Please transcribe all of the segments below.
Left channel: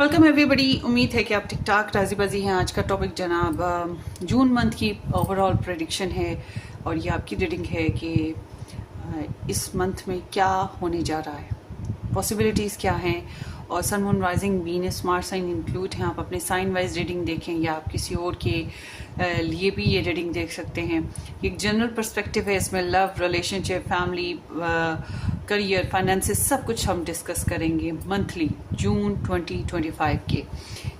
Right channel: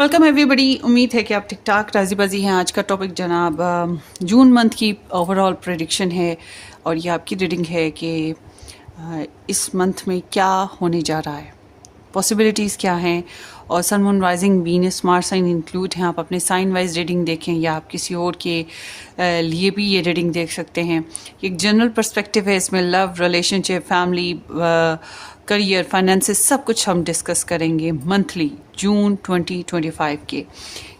Welcome everybody. उम्मीद है कि आप ठीक ठाक राजी बाजी हैं। आज का टॉपिक जनाब जून मंथ की ओवरऑल प्रेडिक्शन है और ये आपकी रीडिंग है कि इस मंथ में क्या होने जा रहा है, पॉसिबिलिटीज़ क्या हैं और sun moon rising Venus Mars sign include हैं। आप अपने साइन वाइज रीडिंग देखें या आप किसी और के लिए भी ये रीडिंग देख सकते हैं। एक जनरल पर्सपेक्टिव है इसमें, love, relationship, family, career, finances, सब कुछ हम डिस्कस करेंगे मंथली जून 2025 के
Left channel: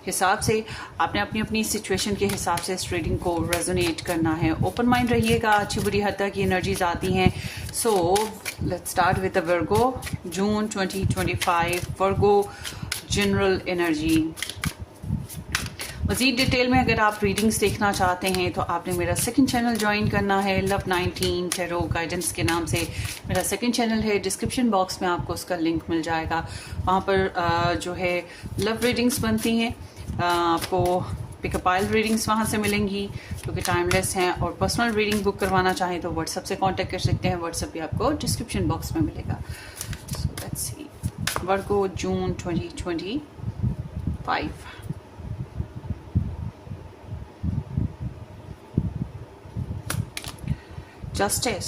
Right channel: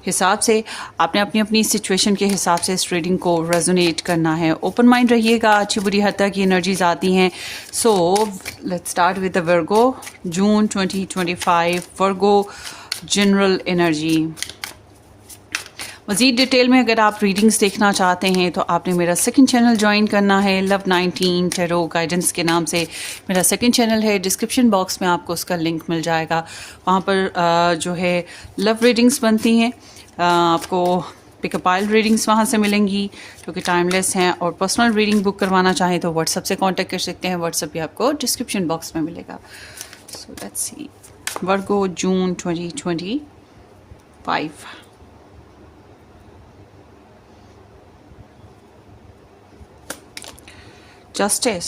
हिसाब से। आपने अपनी अपनी सिचुएशन के हिसाब से इस रीडिंग को रेजोनेट करना है। ओपन माइंड रहिएगा, अच्छी बुरी हद तक की एनर्जीज आती हैं। So let's start with the Virgo June 2025 Virgo general energy. मज़ीद डिटेल में अगर आप रीडिंग्स देखना चाहते हैं तो आपने मेरा सेकंड चैनल ज्वाइन करना है, लव 19 टैरो गाइडेंस के नाम से मेरा सेकंड चैनल है। डिस्क्रिप्शन बॉक्स में आपको उसका लिंक मिल जाएगा। वहाँ पर जो है लव रीडिंग्स बनती हैं, आपको पिकअप आइल रीडिंग्स वहाँ से मिलेंगी जो कि टाइमलेस हैं। और पर्सनल रीडिंग बुक करवाना चाहें तो व्हाट्सएप से कांटेक्ट कर सकते हैं। व्हाट्सएप भी आपको डिस्क्रिप्शन बॉक्स में मिलेगा। So let's see Virgo June 2025। Justice.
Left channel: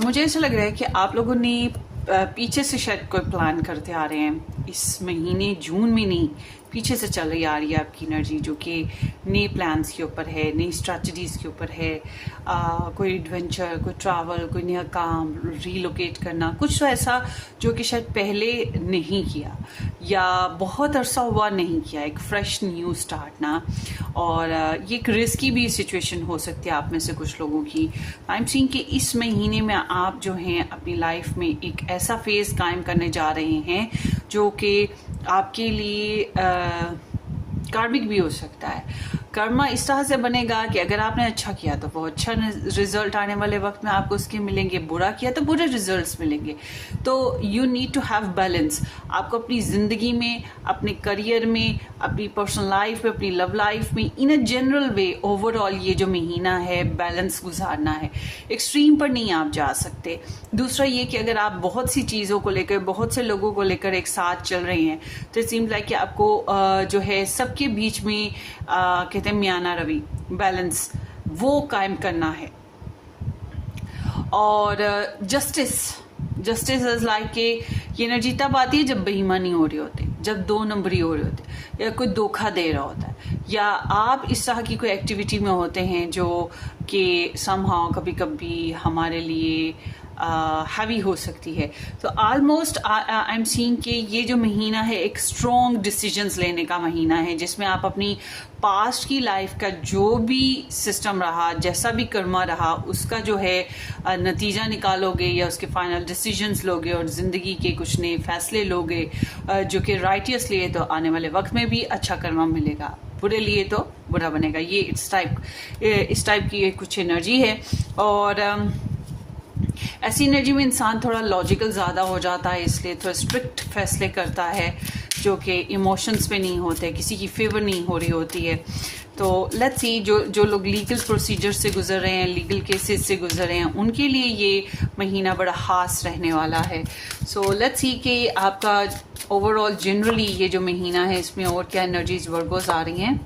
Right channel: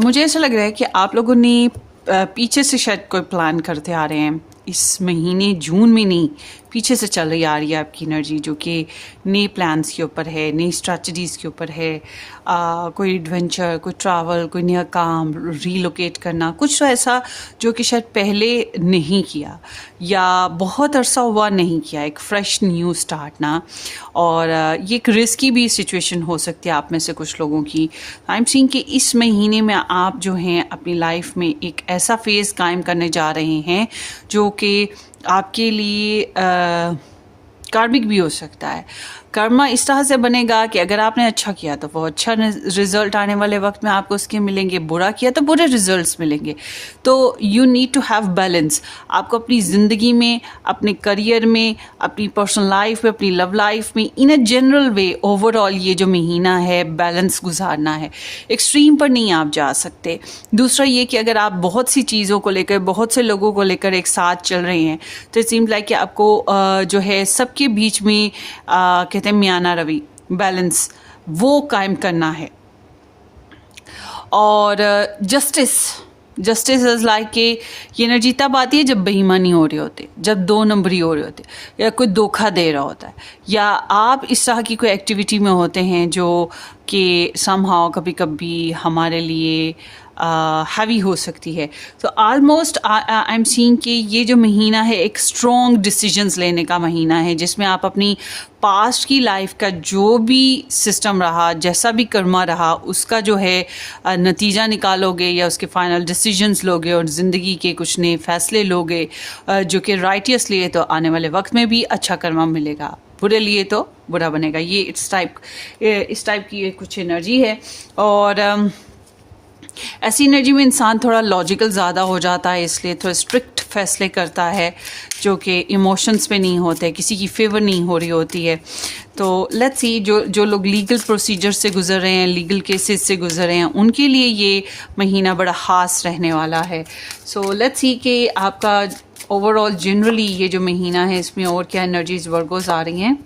मुझे ऐसा लग रहा है कि आप लोगों ने पीछे से शायद कोई प्लान करते आ रहे हैं इस महीने, जून में नहीं, पीछे से चल रही आ रही है आपकी एनर्जी जो कि नए प्लान्स के ऊपर है, नई स्ट्रैटेजीज़ के ऊपर है। कोई एडवेंचर, कोई ट्रैवल, कोई नया काम, रीलोकेट करना, कुछ तो ऐसा जो कि शायद पहले नहीं किया या बहुत अरसा हुआ नहीं किया, एक फ्रेश न्यू स्टार्ट ना। और ये एक रिस्की भी सिचुएशन हो सकती है आप में से कुछ लोगों की। आई एम सीइंग कि इस महीने में आप जो हैं अपनी लाइफ में एक ऐसा फेज़ कायम करने जा रहे हैं जो कि आपके लिए कार्मिक भी हो सकता है। कर्मा इस तरह से बनेगा कि अगर आपने अच्छा किया तो वो अच्छा रिजल्ट आने वाले वक्त में आपको उसके मिलेंगे, बुरा किया तो बुरे रिजल्ट्स मिलेंगे। तो you need to have balance. आपको अपनी ज़िंदगी में, अपने करियर में, अपनी पर्सनल लाइफ में, अपनी लव लाइफ में, इन अ जनरल वे ओवरऑल ये जो महीना है बैलेंस गुजारना है। एक्सट्रीम पर नहीं आप जा सकते। दूसरा ये कि अगर आप बहुत सी चीज़ों को लेकर, बहुत से लोगों को लेकर एक साथ चल रहे हैं तो इट सीम्स लाइक कि आपको जो है सबके बीच में कहते हैं मियाना रवि, बैलेंस वो कायम करना है। और जस्टिस इज लाइक कि ये एनर्जी तब आती है जब बेईमानी हो रही होती है, जब दो नंबरी हो रही होती है या कोई धोखा दे रहा होता है या आप इस तरह की कोई एक्टिविटी में होते हैं जो कि समहाउ कभी कभी हमारे लिए हैवी हो सकती है। तो ऑलमोस्ट आई एम सीइंग कि ये जो महीना है एक स्ट्रॉन्ग डिसीजंस लेने का महीना है जिसमें आप अपनी पास्ट की लाइफ का जो भी सिस्टम रहा, जैसा भी कर्मा रहा, उसका जो है नतीजा निकालोगे या उसके फाइनल डिसीजंस लोगे और ज़िंदगी के कुछ नए फैसले लोगे जो कि राइटियस लिए तो आने वाले वक्त में भी अच्छा कर्मा मिलेगा, बुरे लिए तो बुरा बनेगा। ये इस टाइप की कुछ एनर्जी है। और ऐसी एनर्जी में इंसान थोड़ा लॉजिकल ज़्यादा हो जाता है, इसलिए थोड़ा स्ट्रिक्ट फैसले करता है जो कि इमोशंस पे नहीं होते, किसी की फेवर नहीं हो रही होती है। तो लेट्स सी जो लोग लीगल प्रोसीजर से गुजर रहे हैं, लीगल केसेस से गुजर रहे हैं, उनके लिए ये महीना बड़ा ख़ास रहने वाला है। सो लेट्स सी कि आपका ओवरऑल जनरली ये जो महीना है इसमें और क्या एनर्जीज वर्गोस आ रही हैं।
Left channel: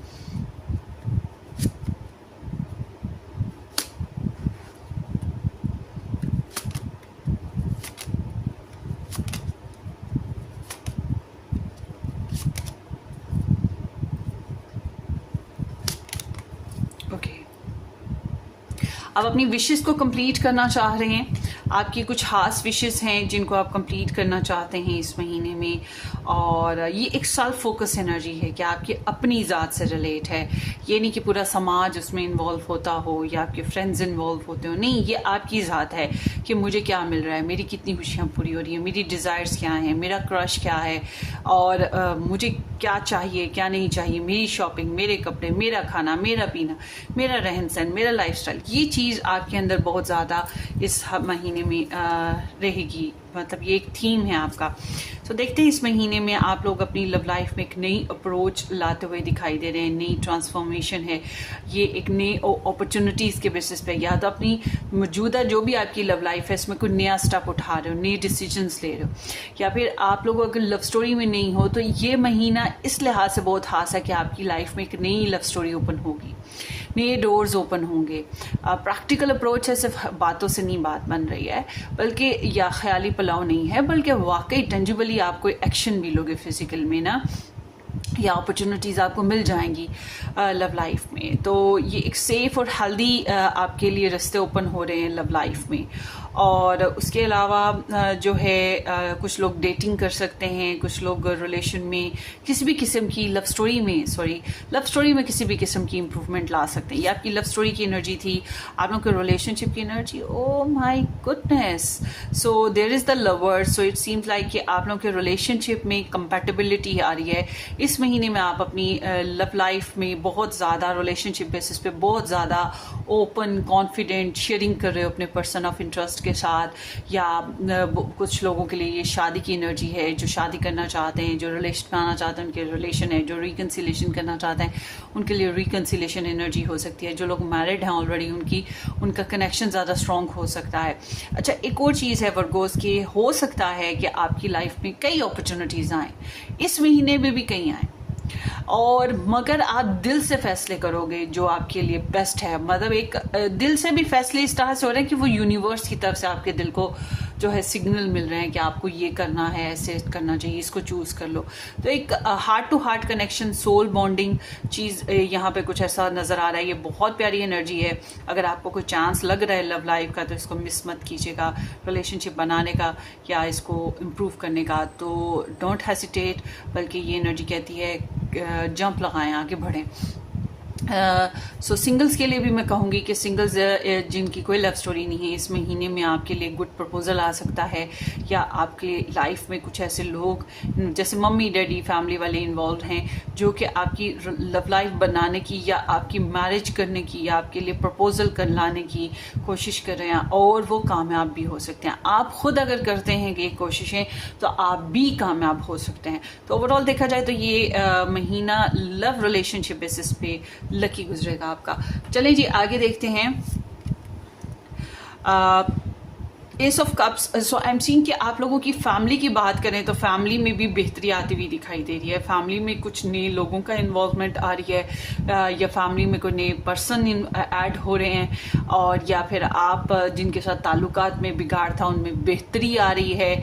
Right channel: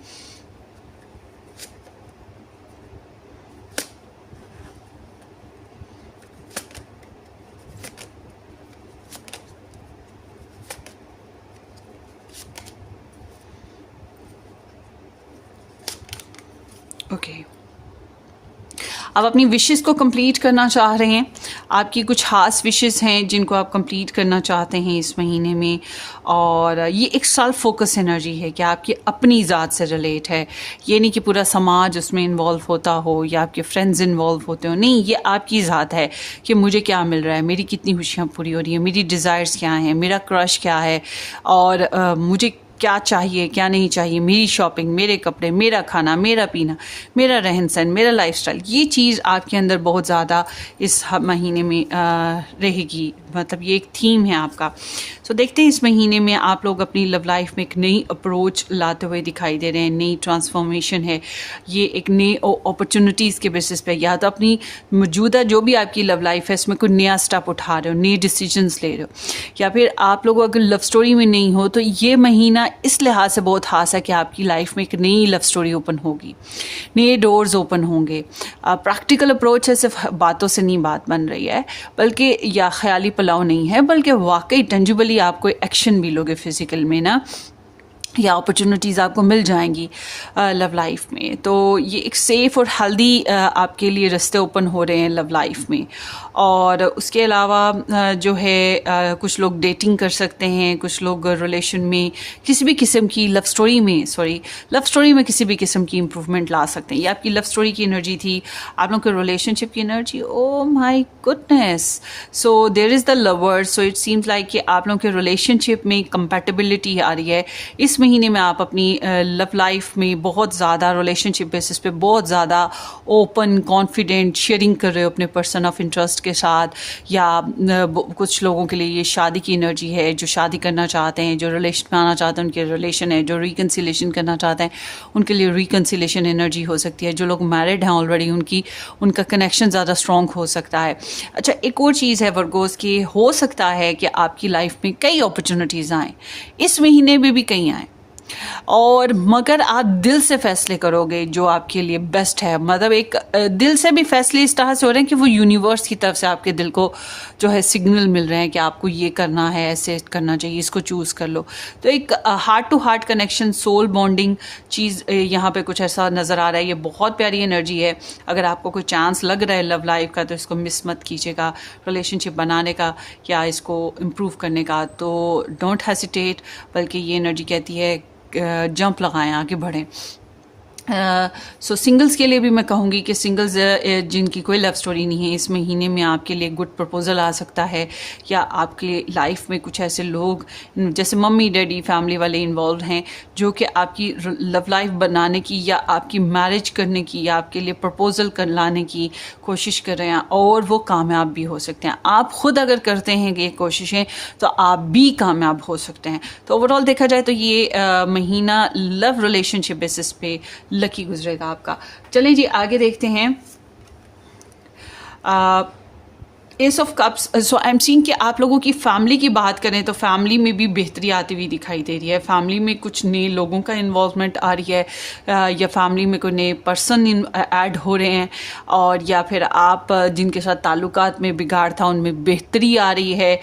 आप अपनी विशेस को कंप्लीट करना चाह रहे हैं, आपकी कुछ खास विशेस हैं जिनको आप कंप्लीट करना चाहते हैं इस महीने में। और ये एक सेल्फ फोकस एनर्जी है कि आपकी अपनी ज़ात से रिलेट है। ये नहीं कि पूरा समाज उसमें इन्वॉल्व होता हो या आपके फ्रेंड्स इन्वॉल्व होते हो, नहीं, ये आपकी ज़ात है कि मुझे क्या मिल रहा है, मेरी कितनी खुशियाँ पूरी हो रही हैं, मेरी डिज़ायर्स क्या हैं, मेरा क्रश क्या है और मुझे क्या चाहिए क्या नहीं चाहिए, मेरी शॉपिंग, मेरे कपड़े, मेरा खाना, मेरा पीना, मेरा रहन सहन, मेरा लाइफस्टाइल, ये चीज़ आपके अंदर बहुत ज़्यादा इस महीने में रहेगी, मतलब ये एक थीम है आपका। सो देखते हैं इस महीने में आप लोग अपनी लव लाइफ में एक नई अप्रोच लाते हुए दिखाई दे रहे हैं, नई ट्रांसफॉर्मेशन है ये, एक नई अपॉर्चुनिटीज़ के बेसिस पे, या तो अपनी मौजूदा जो भी आपकी लव लाइफ है इसमें कोई नया स्टेप उठा रहे हो, नए डिसीजंस ले रहे हो, या फिर आप लोग अगर लव स्टोरी में नहीं हो तो ये महीना इस लिहाज से बहुत खास है कि आपकी लाइफ में एक नई लव स्टोरी ओपन होगी, नए डोर्स ओपन होंगे। प्रैक्टिकल अप्रोच है, सिर्फ बातों से नहीं बात बन रही है, बल्कि या ख्याली पुलाव नहीं है, बल्कि वाकई टेंजिबली आप कोई एक्शन भी लोगे फिजिकल में ना, या अपॉर्चुनिटीज़ आपको मिल जाएंगी लव लाइफ में। तो ये एक सेफ़ और हेल्दी आपके लिए रास्ते ओपन हो रहे हैं लव लाइफ में। और उसके अलावा जो है कुछ लोग डेटिंग कर सकते हैं, कुछ लोग रिलेशन में किसी भी किस्म की लव स्टोरी में किसी भी किस्म की इम्प्रूवमेंट ला सकते हैं। ये आपकी लव स्टोरी की एनर्जी थी, आप लोग के रिलेशनशिप की energy, oh my goodness. So there is the lover, so it seems like कि आप लोगों के रिलेशनशिप में कंपैटिबिलिटी आ रही है। इस महीने में आप अपनी लव लाइफ में बहुत ज़्यादा रिलेशनशिप बेसिस पे बहुत ज़्यादा ओपन कॉन्फिडेंट शेयरिंग कर रहे हो अपने पर्सन ऑफ इंटरेस्ट के साथ, या कुछ लोगों के लिए ये शादी की एनर्जी है, जो शादी करना चाहते हैं, जो रिलेशन में आना चाहते हैं उनके रिलेशन है, जो रिकन्सिलेशन करना चाहते हैं उनके लिए रिकन्सिलेशन एनर्जी हो सकती है, जो लोग मैरिड हैं ऑलरेडी उनका कनेक्शन ज़्यादा स्ट्रॉन्ग हो सकता है। अच्छा, एक और चीज़ है वर्गोस की, हो सकता है कि आपकी लाइफ में कई अपॉर्चुनिटीज़ आएँ, इस महीने में भी कई आएँ, और मगर आप दिल से फैसले करोगे जो आपके लिए बेस्ट है। मतलब एक दिल से भी फैसले इस तरह से हो रहे हैं कि वो यूनिवर्स की तरफ से आपके दिल को जो है सिग्नल मिल रहे हैं कि आपको ये करना है, ऐसे करना चाहिए, इसको चूज़ कर लो। तो एक heart to heart connection, soul bonding चीज़ यहाँ पे कुछ ऐसा नज़र आ रहा है। ये बहुत प्यारी एनर्जी है। अगर आपको कोई चांस लग रहा है लव लाइफ का तो इसको मिस मत कीजिएगा, रिलेशनशिप बनाने का या इसको इम्प्रूव करने का। तो डोंट हेसिटेट, बल्कि ये एनर्जी कहती है जंप लगाएं, आगे बढ़ें। सो सिंगल्स के लिए भी मैं कहूँगी कि सिंगल्स जिनकी कोई लव स्टोरी नहीं है, इस महीने में आपके लिए गुड प्रपोजल आ सकता है, या आपके लाइफ में कुछ ऐसे लोग जैसे मम्मी डैडी फैमिली वाले इन्वॉल्व हैं जो कि आपकी लव लाइफ बनाने की या आपकी मैरिज करने की या आपके लिए प्रपोजल कर लाने की कोशिश कर रहे हैं, और वो कामयाब भी हो सकते हैं। आप खुद अगर करते हैं ये कोशिशें तो आप भी कामयाब हो सकते हैं। तो ओवरऑल देखा जाए तो ये महीना लव रिलेशनशिप बेसिस पे लकी गुजरेगा आपका। चलें जी आगे देखते हैं। S of cups, so I am seeing कि आप लोगों की फैमिली की बात करें तो फैमिली में भी बेहतरी आती हुई दिखाई दे रही है। फैमिली में कुछ नए लोगों का इन्वॉल्वमेंट आ रही है, या फैमिली में कोई नए पर्सन ऐड हो रहे हैं, और या फिर आप जिनके साथ ताल्लुकात में बिगाड़ था उनमें बेहतरी आ रही है।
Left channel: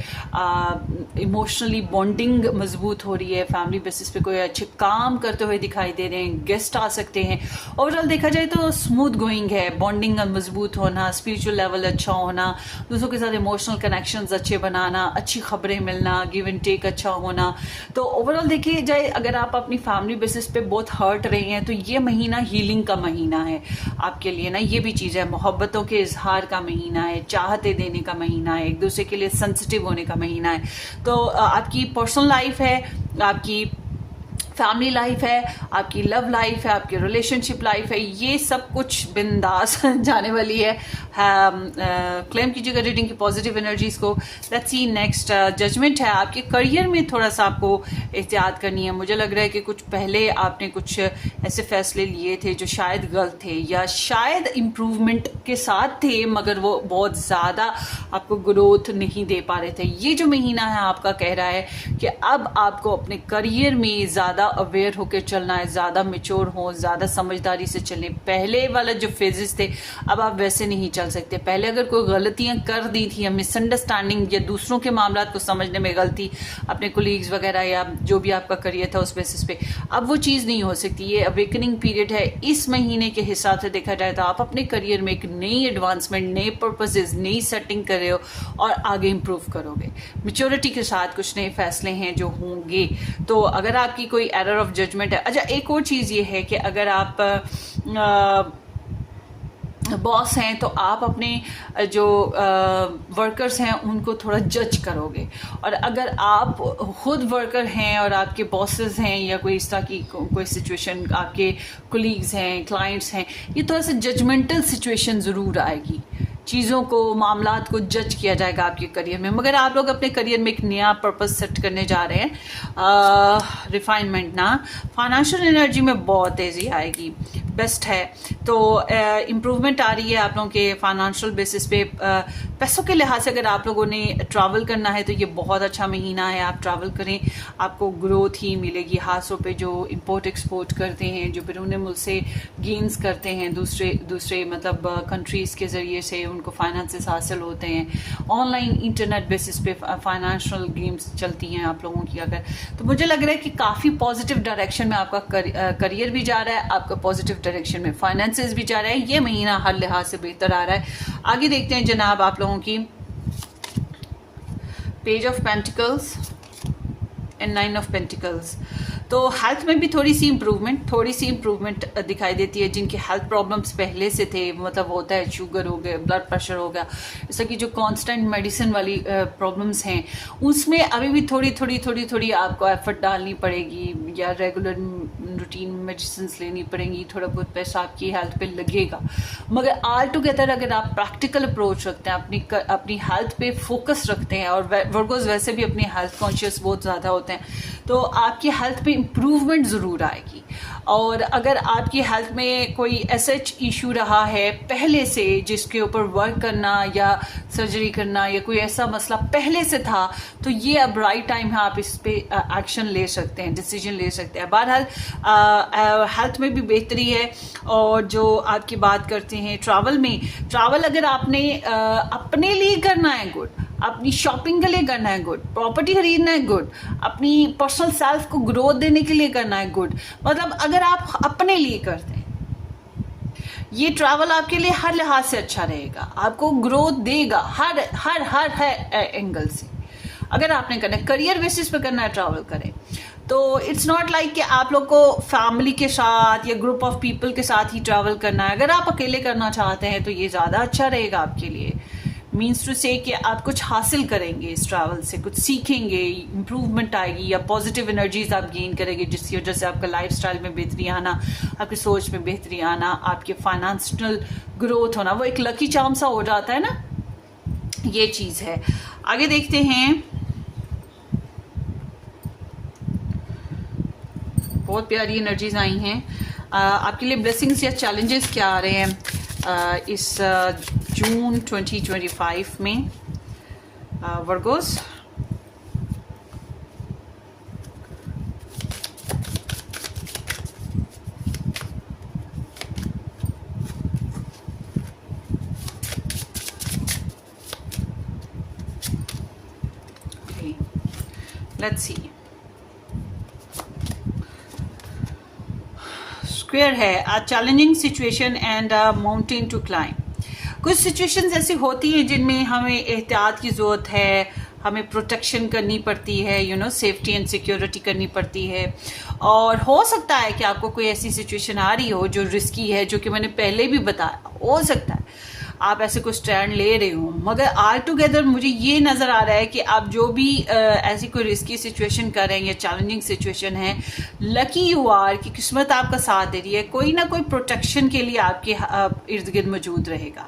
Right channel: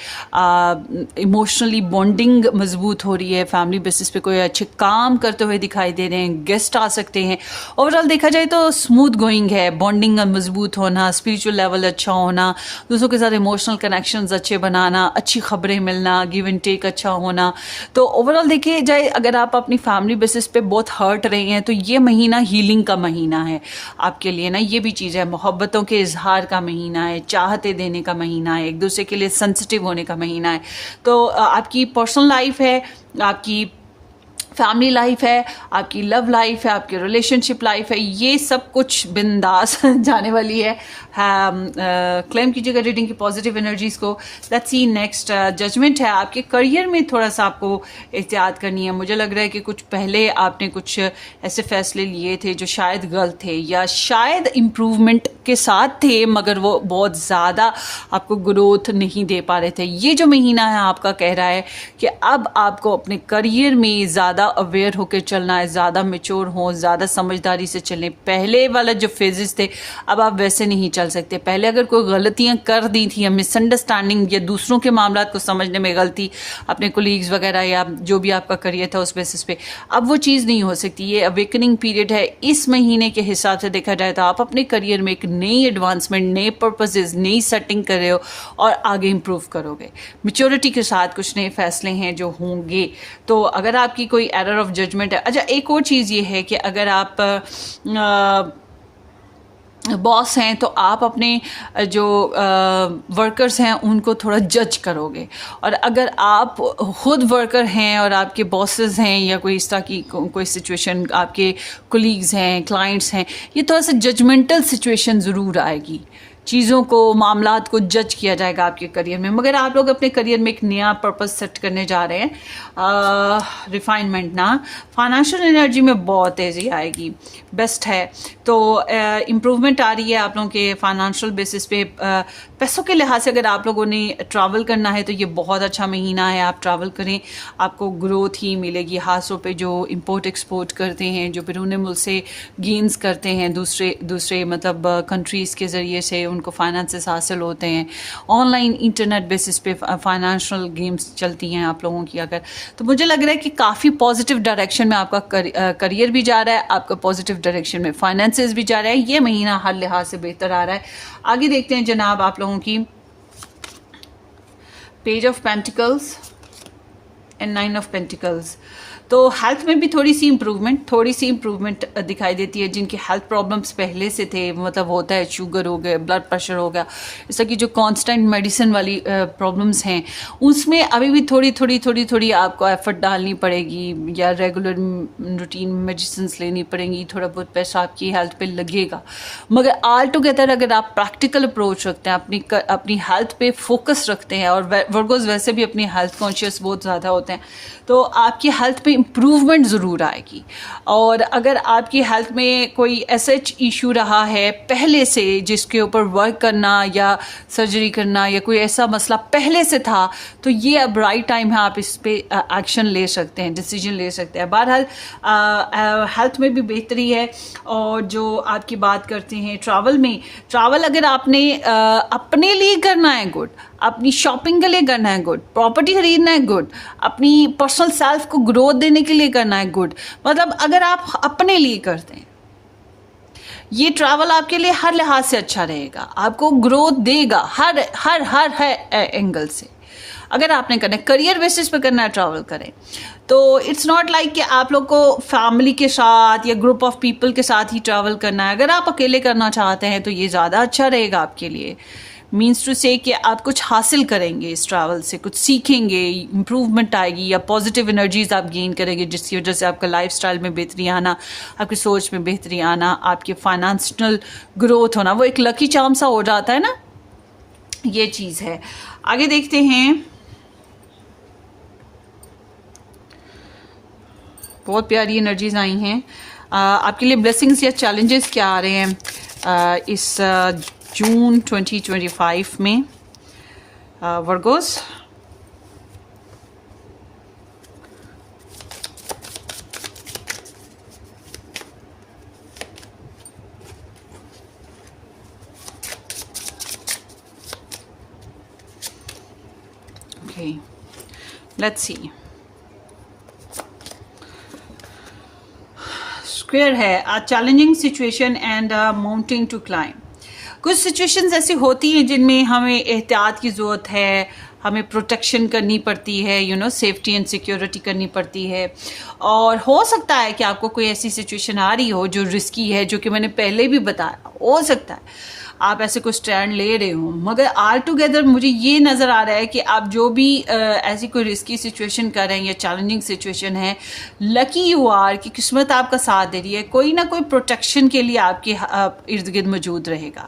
इमोशनली बॉन्डिंग मजबूत हो रही है। फैमिली बेसिस पे कोई अच्छे काम करते हुए दिखाई दे रहे हैं, गेस्ट आ सकते हैं। ओवरऑल देखा जाए तो स्मूथ गोइंग है, बॉन्डिंग मजबूत होना, स्पिरिचुअल लेवल अच्छा होना, दूसरों के साथ इमोशनल कनेक्शंस अच्छे बनाना, अच्छी खबरें मिलना, गिव एंड टेक अच्छा होना। तो ओवरऑल देखिए जाए, अगर आप अपनी फैमिली बेसिस पे बहुत हर्ट रहे हैं तो ये महीना हीलिंग का महीना है आपके लिए ना। ये भी चीज़ है, मोहब्बतों के इजहार का महीना है, चाहते देने का महीना है, एक दूसरे के लिए सेंसिटिव होने का महीना है। तो आपकी पर्सनल लाइफ है, आपकी फैमिली लाइफ है, आपकी लव लाइफ है, आपकी रिलेशनशिप लाइफ है, ये सब कुछ बिंदास जाने वाली है। क्लेम कीजिएगा रीडिंग की पॉजिटिव एनर्जीज को। Let's see next. जजमेंट है, आपके करियर में थोड़ा सा आपको एहतियात करनी है। मुझे लग रहा है कि कुछ पहले आपने कुछ ऐसे फैसले लिए थे जो शायद गलत थे, या शायद इम्प्रूवमेंट के साथ थे मगर वो बहुत ज़्यादा आपको ग्रोथ नहीं दे पा रहे थे। ये जो महीना है आपका कह रहा है कि अब आपको अपने करियर में ज़्यादा अवेयर होकर चलना है, ज़्यादा मेच्योर हो, ज़्यादा समझदारी से चलें। पहले वाला जो फेजेस थे अब आप वैसे नहीं चल सकते। पहले अगर कोई गलतियां कर दी थी, मिसअंडरस्टैंडिंग या दूसरों के मामलात को समझने में गलती, अपने कोलीग्स वगैरह या जो भी आपका करियर था उस बेसिस पे, अब वो चीज़ नहीं हो सकती। ये अवेकनिंग पीरियड है। इस महीने के हिसाब से देखा जाए तो आप अपने करियर में एक नई एडवांसमेंट, नए पर्पसेस, नई सेटिंग कर रहे हो और आगे इंप्रूव करोगे। मैच्योरिटी के साथ कुछ नए फैसले हैं जो होंगे। तो अगर आपकी कोई एरर ऑफ जजमेंट है। अच्छा, एक और चीज़ ये है कि अगर आप बॉस हैं तो आप अपने जो वर्कर्स हैं उनको थोड़ा जज करोगे, और अगर आप खुद वर्कर हैं और आपके बॉसेस हैं या कोई इस तरह की कोई सिचुएशन, आपके कोलीग्स हैं, क्लाइंट्स हैं, ये थोड़ा सा जजमेंटल सिचुएशन ज़रूर आएगी। चीज़ों को, मामलात को जज किया जाएगा आपके करियर में। मगर आप लोग अपने करियर में एक नया पर्पस सेट करने जा रहे हैं, रिफाइनमेंट ना, फाइनेंशियल एनर्जी में बहुत तेज़ी आएगी, बेस्ट है। तो इम्प्रूवमेंट आ रही है आप लोगों के फाइनेंशियल बेसिस पे। पैसों के लिहाज से अगर आप लोगों ने ट्रैवल करना है तो ये बहुत अच्छा महीना है, आप ट्रैवल करें, आपको ग्रोथ ही मिलेगी। हाथों पे जो इंपोर्ट एक्सपोर्ट करते हैं, जो बैरून मुल्क से गेन्स करते हैं दूसरे मतलब कंट्रीज़ के ज़रिए से उनको फाइनेंसेस हासिल होते हैं। ऑनलाइन इंटरनेट बेसिस पे फाइनेंशियल गेम्स चलती हैं आप लोगों की अगर, तो मुझे लग रहा है कि काफ़ी पॉजिटिव डायरेक्शन में आपका करियर भी जा रहा है, आपका पॉजिटिव डायरेक्शन में फाइनेंसेस भी जा रहा है। ये महीना हर लिहाज से बेहतर आ रहा है। आगे देखते हैं जनाब आप लोगों की page of pentacles and 9 of pentacles. तो हेल्थ में भी थोड़ी सी इम्प्रूवमेंट दिखाई देती है। जिनकी हेल्थ प्रॉब्लम्स पहले से थे, मतलब होता है शुगर हो गया, ब्लड प्रेशर हो गया, इस तरह की जो कांस्टेंट मेडिसिन वाली प्रॉब्लम्स हैं, उसमें अभी भी थोड़ी आपको एफर्ट डालनी पड़ेगी, या रेगुलर रूटीन मेडिसिन लेनी पड़ेंगी। थोड़ा बहुत पैसा आपकी हेल्थ पे लगेगा, मगर ऑल टुगेदर अगर आप प्रैक्टिकल अप्रोच रखते हैं, अपनी हेल्थ पे फोकस रखते हैं, और वर्गोज वैसे भी अपनी हेल्थ कॉन्शियस बहुत ज़्यादा होते हैं, तो आपकी हेल्थ पे इम्प्रूवमेंट ज़रूर आएगी। और अगर आपकी हेल्थ में कोई एसएच इशू रहा है पहले से, जिसके ऊपर वर्क करना या सर्जरी करना या कोई ऐसा मसला पहले से था, तो ये अब राइट टाइम है, आप इस पे एक्शन ले सकते हैं, डिसीजन ले सकते हैं। बहरहाल हेल्थ में भी बेहतरी है। और जो आपकी बात करते हैं ट्रैवल अगर आपने अपने लिए करना है, गुड, अपनी शॉपिंग के लिए करना है, गुड, प्रॉपर्टी खरीदना है, गुड, अपनी पर्सनल सेल्फ को ग्रोथ देने के लिए करना है, गुड, मतलब अगर आप अपने लिए करते हैं, ये ट्रैवल आपके लिए हर लिहाज से अच्छा रहेगा, आपको ग्रोथ देगा हर एंगल से। अगर आपने करना है, करियर बेसिस पे करना है, ट्रैवल करें। तो इट्स नॉट लाइक कि आप लोग को फैमिली के साथ या ग्रुप ऑफ पीपल के साथ ही ट्रैवल करना है। अगर आप अकेले करना चाहते हैं तो ये ज़्यादा अच्छा रहेगा आपके लिए। मीन्स टू से कि आप कुछ हासिल करेंगे इस ट्रैवल से, कुछ सीखेंगे, इम्प्रूवमेंट आएगी, या पॉजिटिव एनर्जीज आप गेन करेंगे, जिसकी वजह से आपका लाइफस्टाइल में बेहतरी आना, आपकी सोच में बेहतरी आना, आपके फाइनेंशियल ग्रोथ होना, वो एक लकी चार्म सा हो जाता है ना, ये चीज़ है। आगे देखते हैं, बहुत प्यारी एनर्जीज आई हैं। आपके लिए ब्लेसिंग्स या चैलेंजेस क्या आ रहे हैं इस जून 2025 में Virgo's? Okay, let's see. Square है, a challenging situation and a mountain to climb. कुछ सिचुएशंस ऐसी होती हैं जिनमें हमें एहतियात की ज़रूरत है, हमें प्रोटेक्शन करनी पड़ती है, सेफ्टी एंड सिक्योरिटी करनी पड़ती है। और हो सकता है कि आपको कोई ऐसी सिचुएशन आ रही हो जो रिस्की है, जो कि मैंने पहले भी बताया, हो सकता है आप ऐसे कोई स्टैंड ले रहे हो, मगर ऑल टुगेदर मुझे ये नज़र आ रहा है कि आप जो भी ऐसी कोई रिस्की सिचुएशन कर रहे हैं या चैलेंजिंग सिचुएशन है, लकी यू आर कि किस्मत आपका साथ दे रही है, कोई ना कोई प्रोटेक्शन के लिए आपके इर्द गिर्द मौजूद रहेगा,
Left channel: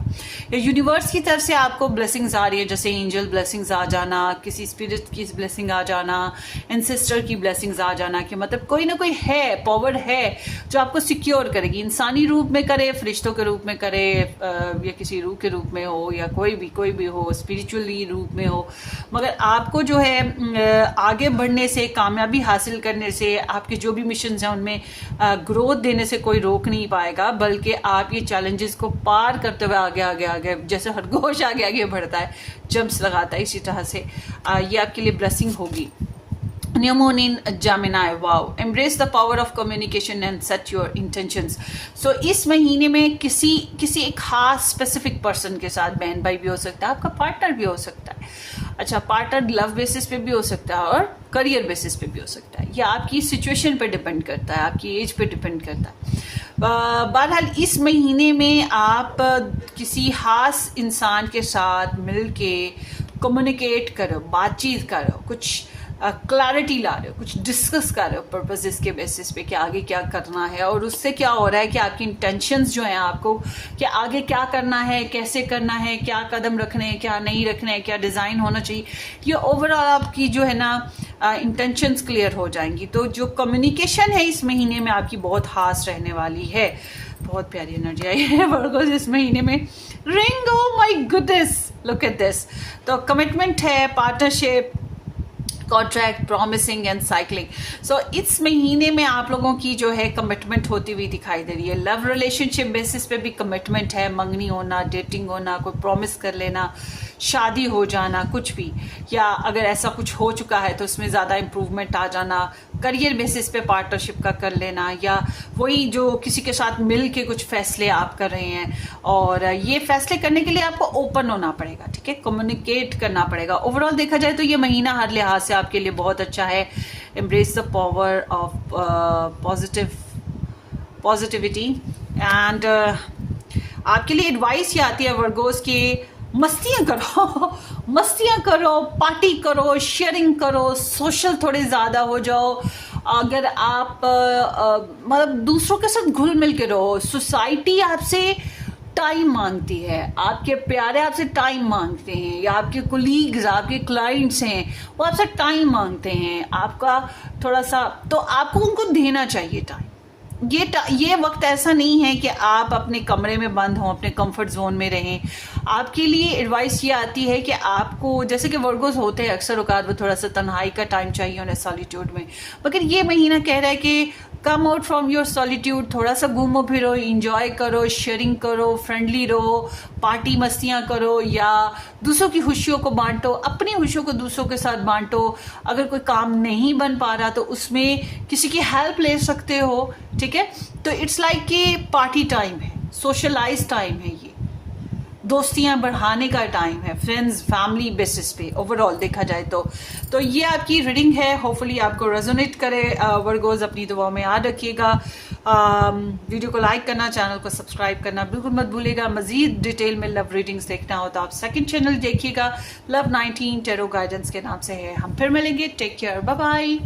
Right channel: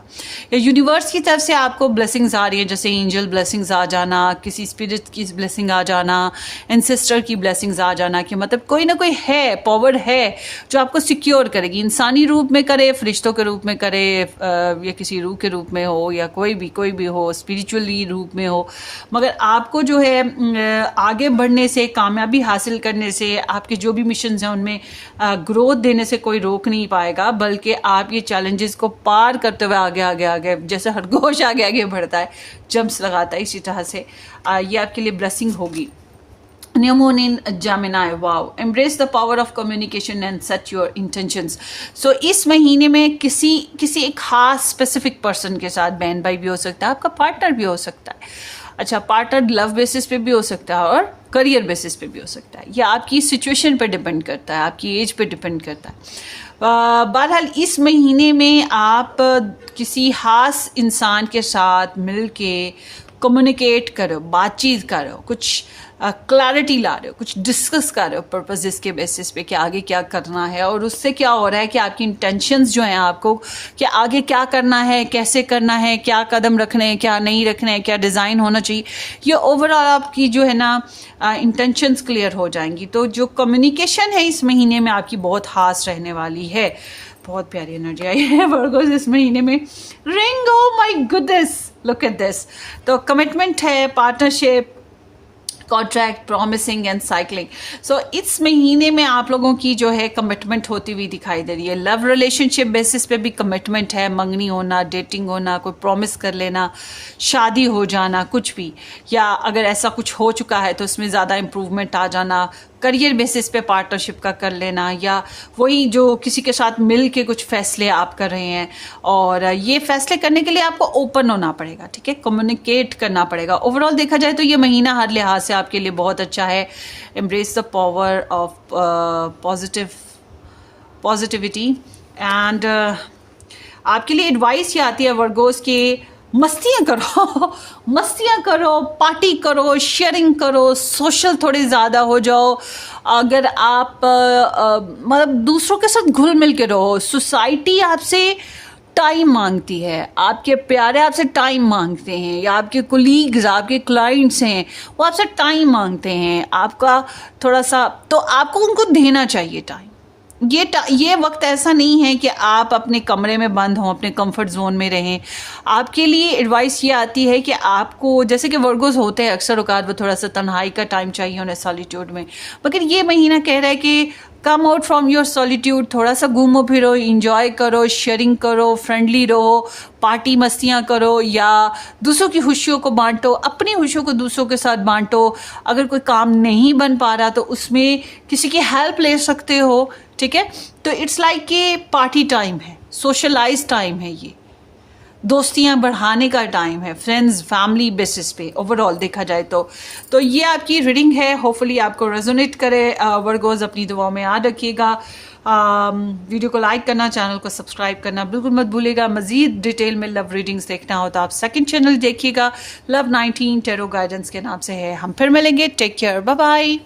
या यूनिवर्स की तरफ से आपको ब्लेसिंग्स आ रही है, जैसे एंजल ब्लेसिंग्स आ जाना, किसी स्पिरिट की ब्लेसिंग आ जाना, एंसेस्टर की ब्लेसिंग्स आ जाना, कि मतलब कोई ना कोई है, पावर है जो आपको सिक्योर करेगी, इंसानी रूप में करे, फरिश्तों के रूप में करे, या किसी रूह के रूप में हो, या कोई भी हो, स्पिरिचुअली रूप में हो। मगर आपको जो है आगे बढ़ने से, कामयाबी हासिल करने से, आपके जो भी मिशन हैं उनमें ग्रोथ देने से कोई रोक नहीं पाएगा, बल्कि आप ये चैलेंजेस को पार करते हुए आगे जैसे खरगोश आगे बढ़ता है, जंप्स लगाता है, इसी तरह से ये आपके लिए ब्लेसिंग होगी। New moon in Gemini, wow. Embrace the power of communication and set your intentions. So इस महीने में किसी एक खास स्पेसिफिक पर्सन के साथ, बहन भाई भी हो सकता है, आपका पार्टनर भी हो सकता है, अच्छा पार्टनर लव बेसिस पे भी हो सकता है और करियर बेसिस पे भी हो सकता है, या आपकी सिचुएशन पे डिपेंड करता है, आपकी एज पे डिपेंड करता है। बहरहाल इस महीने में आप किसी खास इंसान के साथ मिल के कम्युनिकेट करो, बातचीत करो, कुछ क्लैरिटी ला रहे हो, कुछ डिस्कस कर रहे हो पर्पसेस के बेसिस पे कि आगे क्या करना है, और उससे क्या हो रहा है कि आपकी इंटेंशंस जो हैं आपको कि आगे क्या करना है, कैसे करना है, क्या कदम रखने हैं, क्या नहीं रखने हैं, क्या डिज़ाइन होना चाहिए, ये ओवरऑल आपकी जो है ना इंटेंशंस क्लियर हो जाएंगी। तो जो कम्युनिकेशन है इस महीने में आपकी बहुत खास रहने वाली है। बहुत प्यारी एनर्जी आई है वर्गोस इस महीने में। Ring, oh my goodness, look at this. तो कमिटमेंट है, partnership, contract, promising and cycling. So इस महीने में आप लोगों की जो है कमिटमेंट होती हुई दिखाई दे रही है। लव रिलेशनशिप बेसिस पे भी कमिटमेंट है, मंगनी होना, डेटिंग होना, कोई प्रॉमिस कर लेना, शादी हो जाना, कुछ भी, या अगर ऐसा कुछ हो चुका है तो उसमें ज़्यादा इम्प्रूवमेंट आ जाना, करियर बेसिस पे पार्टनरशिप का कर लेना, या वही जो किसी के साथ मिल के कुछ फैसले आप कर रहे हैं, और ये फैसले करने के लिए आपको ओपन होना पड़ेगा, ठीक है, कम्युनिकेट करना पड़ेगा। ओवरऑल देखा जाए तो ये महीना हर लिहाज से आपके लिए बहुत अच्छा है। Embrace the power of positivity and आपके लिए एडवाइस ये आती है वर्गोस के मस्तियाँ करो मस्तियाँ करो, पार्टी करो, शेयरिंग करो, सोशल थोड़े ज़्यादा हो जाओ। अगर आप मतलब दूसरों के साथ घुल मिल के रहो। सोसाइटी आपसे टाइम मांगती है, आपके प्यारे आपसे टाइम मांगते हैं, या आपके कोलीग्स, आपके क्लाइंट्स हैं, वो आपसे टाइम मांगते हैं, आपका थोड़ा सा, तो आपको उनको देना चाहिए टाइम। ये वक्त ऐसा नहीं है कि आप अपने कमरे में बंद हों, अपने कंफर्ट जोन में रहें। आपके लिए एडवाइस ये आती है कि आपको, जैसे कि वर्गोस होते हैं अक्सर औकात, वो थोड़ा सा तन्हाई का टाइम चाहिए उन्हें, सॉलिट्यूड में, मगर ये महीना कह रहा है कि come out from your solitude, थोड़ा सा घूमो फिरो, इंजॉय करो, शेयरिंग करो, फ्रेंडली रहो, पार्टी मस्तियाँ करो, या दूसरों की खुशियों को बांटो, अपनी खुशियों को दूसरों के साथ बांटो। अगर कोई काम नहीं बन पा रहा तो उसमें किसी की हेल्प ले सकते हो, ठीक है। तो इट्स लाइक कि पार्टी टाइम है, सोशलाइज टाइम है, ये दोस्तियां बढ़ाने का टाइम है, फ्रेंड्स फैमिली बेसिस पे ओवरऑल देखा जाए तो ये आपकी रीडिंग है। होपफुली आपको रेजोनेट करे। वर्गोस अपनी दुआओं में याद रखिएगा। वीडियो को लाइक करना, चैनल को सब्सक्राइब करना बिल्कुल मत भूलिएगा। मजीद डिटेल में लव रीडिंग्स देखना हो तो आप सेकंड चैनल देखिएगा, लव 19 टैरो गाइडेंस के नाम से है। हम फिर मिलेंगे। Take care, bye bye.